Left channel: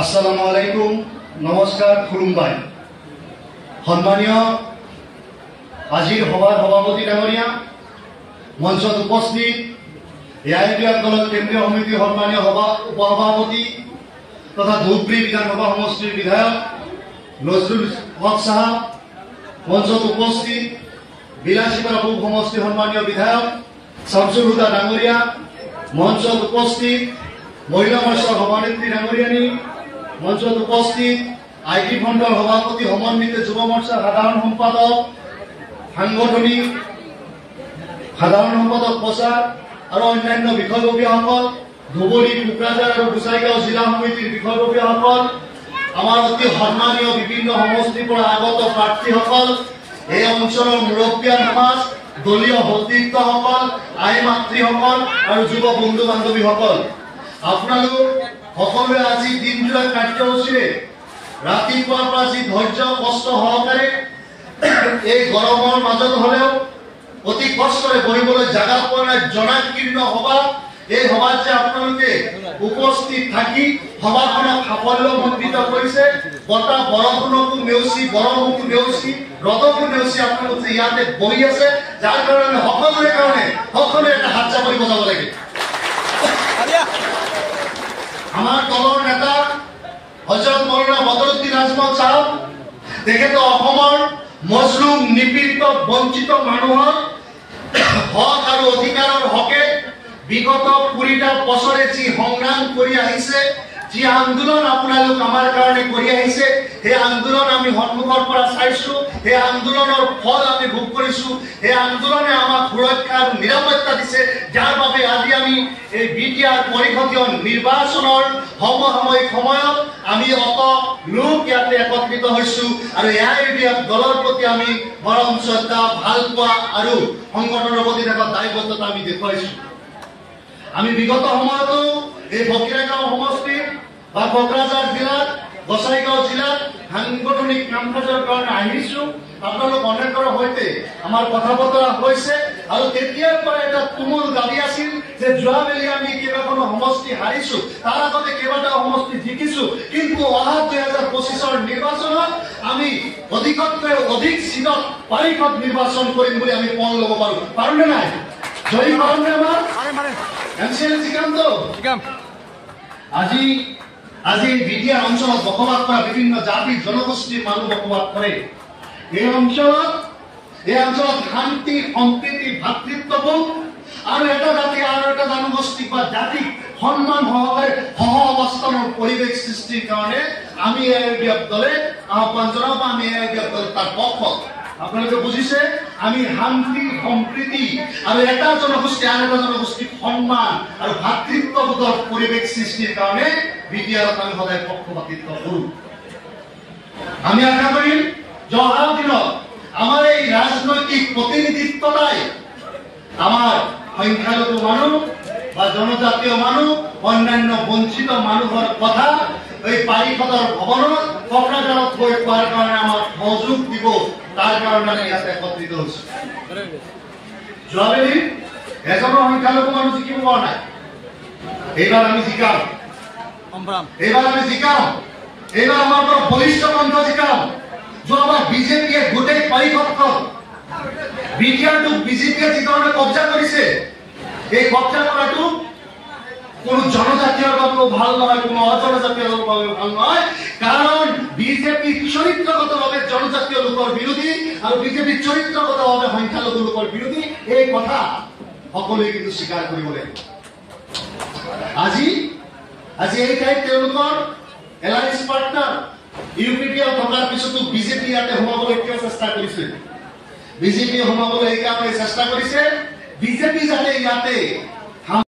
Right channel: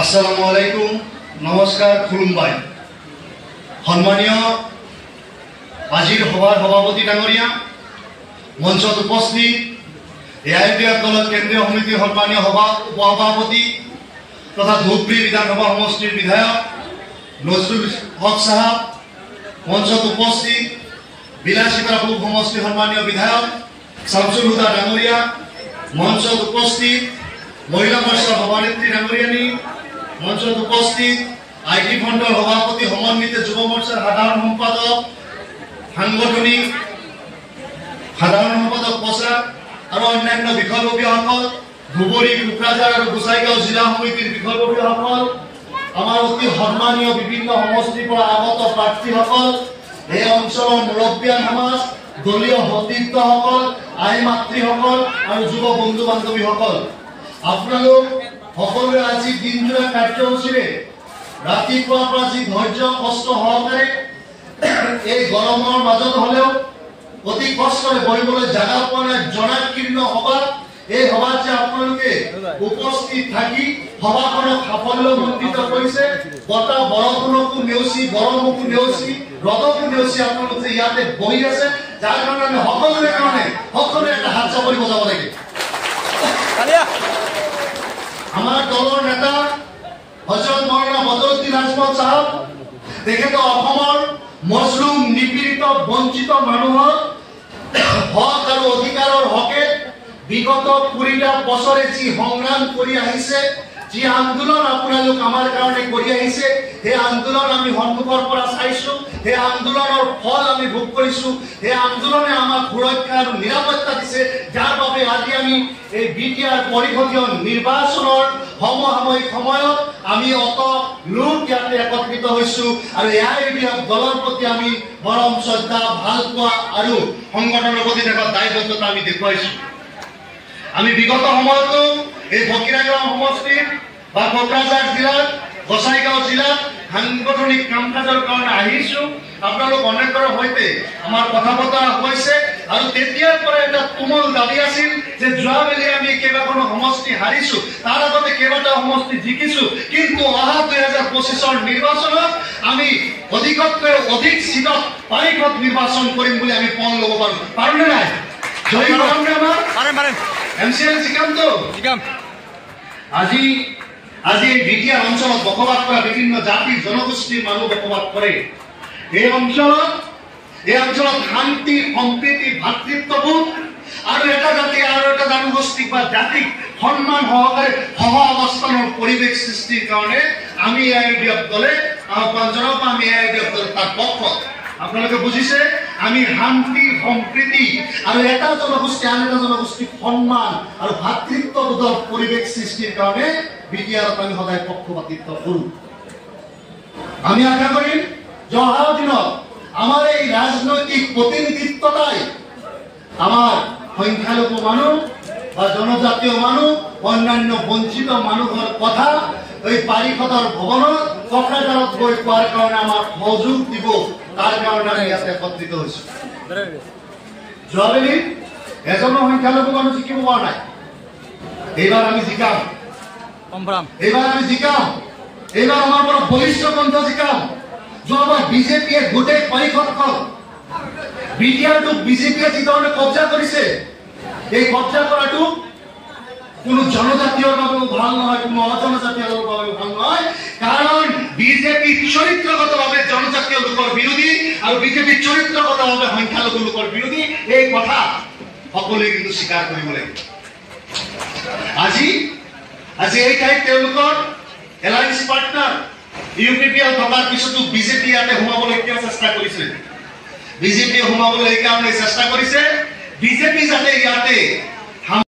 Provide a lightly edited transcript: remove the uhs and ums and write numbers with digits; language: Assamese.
আসসালামু আলাইকুম, নমস্কাৰ, খুলুমবাই। সম্মানীয় আজিৰ সভাৰ সভাপতি ডাঙৰীয়া, মঞ্চত উপস্থিত এআইডিএফ দলৰ কেন্দ্ৰীয় সমিতিৰ সম্মানীয় উপসভাপতি তথা ধুবুৰী বিধানসভা সমষ্টিৰ বিধায়ক নজৰুল হক সাহেব, মঞ্চত উপস্থিত বিলাসিতা পূব সমষ্টিৰ সম্মানীয় বিধায়ক শামছুল হুদা ডাঙৰীয়া, মঞ্চত উপস্থিত মহিলা মৰ্চাৰ সভানেত্ৰী ডাঙৰীয়ানী, মঞ্চত উপস্থিত আইটি ফণ্ডৰ সভাপতি, সমন্বিত যুৱ মৰ্চাৰ সাধাৰণ সম্পাদক, সাংগঠনিক সাধাৰণ সম্পাদক প্ৰচাৰ আৰু অন্যান্য বিষয়ববীয়াসকল, ধুবুৰী, কোকৰাঝাৰ আৰু গোসাইগাঁও জিলা সমিতিৰ বিষয়ববীয়াসকল, আমাৰ অতি সন্মানীয় বিভিন্ন সমষ্টিৰ পৰা আগত প্ৰাৰ্থীসকল, এই অঞ্চলৰ মুৰব্বীয়ান সমাজ, দলীয় সতীৰ্থসকল, আই মাতৃসকল আৰু যুৱ বন্ধু বান্ধৱীসকল, আপোনালোক সকলোৱে আজি দিনজোৰা কাৰ্যসূচীৰে ৰাতিপুৱাৰ পৰা যি ধৈৰ্য কষ্ট সহকাৰে এই গৰমৰ মাজত হলেও অতি কষ্টৰে বহিবলৈ জাগা পোৱা নাই জনাকীৰ্ণ সভা, এই সভাত যে আপোনালোকে উপস্থিত থাকি সভাখনক সাফল্যমণ্ডিত কৰিছে, বতাহ বৰষুণকো নেওচি, গৰমকো নেওচি, ৰ'দকো নেওচি আপোনালোকে ইয়াতে বহি আছে, যাৰ কাৰণে সকলোৱে এটা হাত চাপৰি বজাব লাগে। আমাৰ দলৰ নেতা হজৰত মৌলানা বদৰুদ্দিন আজমল সাহেব, তেখেতে অসমৰ মজলুম, নিপীড়িত, বঞ্চিত মানুহৰ হক আৰু অধিকাৰৰ হকে বিগত 20টা বছৰে যি সংগ্ৰাম কৰি আহিছে, যি আন্দোলন আপোনালোক আমাৰ কাৰণে কৰি আহিছে, সেই আন্দোলন আমি সন্মুখৰ পৰা চাইছো, সেই আন্দোলনৰ ফল আমি ভোগ কৰিছো, সেই আন্দোলনে আমাক সুৰক্ষা আৰু নিৰাপত্তা দিছে, যাৰ বাবে আজি আমি এই বিটিআৰ পৰিষদীয় নিৰ্বাচনৰ সমসাময়িক সময়ত আমি অত লোক ইয়াতে একত্ৰিত হৈছো আৰু এআইডিএফ দলৰ প্ৰতি আমি মৰম, শ্ৰদ্ধা, ভাল পোৱা আৰু সংগঠনৰ প্ৰতি থকা দায়বদ্ধতা আমি দেখুৱাইছো। আমি বিগত সময়তো এই ফকীৰাগাঁও সমষ্টিত বা কোকৰাঝাৰ জিলাত, গোসাইগাঁও জিলাত সাংগঠনিক কাম কাজৰ কাৰণে আহিছো। আপোনালোক অনেকৰ সৈতে আমাৰ কথা বতৰা হৈছে আৰু তেতিয়াৰ পৰা এটা তুমুল দাবী আছিল যে যোৱাবেলি আমি কেইবাখনো সমষ্টি হাৰিছো, তাৰ আগতে কেইবাটাও সমষ্টি জিকিছো, কিন্তু অহা 2025ৰ নিৰ্বাচনত আমি অধিকতকৈ অধিক চিটত পাৰিষদ নিৰ্বাচন কৰিম বুলি আমি পণ ল'ব পাৰোঁ নে নাই? জয়ী হ'মনে আমাৰ MCL জিকামতো? আজি বিটিআৰ অঞ্চলত বসবাস কৰা বিভিন্ন জাতি জনগোষ্ঠীৰ মানুহ বসবাস কৰে। এই অঞ্চলত শান্তি, সম্প্ৰীতি, ভাতৃত্ববোধ আৰু এটা জাতি আৰু এটা জনগোষ্ঠীক বা জাতিক সন্মান সহকাৰে সহ অৱস্থানৰ পৰিৱেশ সৃষ্টিৰ কাৰণে আমি এআইডিএফ দলে আহ্বান জনাব। আমি এআইডিএফ দল তাৰ পক্ষত। আপোনালোকে বুজিছে, আমি শান্তি, সম্প্ৰীতি আৰু এটা জনগোষ্ঠী আন এটা জনগোষ্ঠীক সন্মান আৰু ভাতৃত্ববোধৰ পৰিৱেশ সৃষ্টিৰ কাৰণে বিটিআৰত আমি সদায় পক্ষপাতিত্ব কৰোঁ। আমি আশা কৰিম যে অহা দিনত আমাৰ এই ৰাজনৈতিক প্ৰতিনিধিত্বতাই আমাৰ সংখ্যালঘু মানুহ বা জনজাতীয় মানুহ, অন্যান্য বঞ্চিত মানুহৰ কথা এই পাৰিষদৰ ভৱনত কোকৰাঝাৰত গৈ কোৱাৰ কাৰণে আমাৰ সহযোগ দিব, তাৰ কাৰণে আমি ইয়াতে একত্ৰিত হৈছো। যোৱাবেলি এজনৰ সংখ্যালঘু মানুহ জিকিব পৰা নাই, এইবাৰ আমি জিকাম। এইবাৰ আমাৰ পৰা বলিষ্ঠ কণ্ঠ জিকাম। যোৱাবাৰ বিজেপিয়ে গোটেই পাৰিষদখন বিটিআৰটোক বিজেপিয়ে যি ধৰণে কব্জা কৰিছে, এই কব্জা কৰাটো কোনো জনজাতীয়ৰ বাবেও ভাল নহয়, কোনো অজনজাতীয়ৰ বাবেও ভাল নহয়, কাৰণ বিজেপি চৰিত্ৰগতভাৱে জনজাতীয় লোকৰ বিৰোধী আৰু বিজেপি চৰিত্ৰগতভাৱে সংখ্যালঘু লোকৰ বিৰোধী। এই কথা সকলোৱে কিন্তু স্বীকাৰ কৰিব লাগিব। আজি এই ঠাইত তেওঁলোকৰ এলায়েন্স পাৰ্টনাৰ ইউপিপিএল থকাৰ পিছতো বিজেপি ইয়াতে সোমাবলৈ কিয় চেষ্টা কৰিছে? বিজেপিয়ে সোমাবলৈ এইকাৰণে চেষ্টা কৰিছে, বিজেপি যাতে ইয়াতে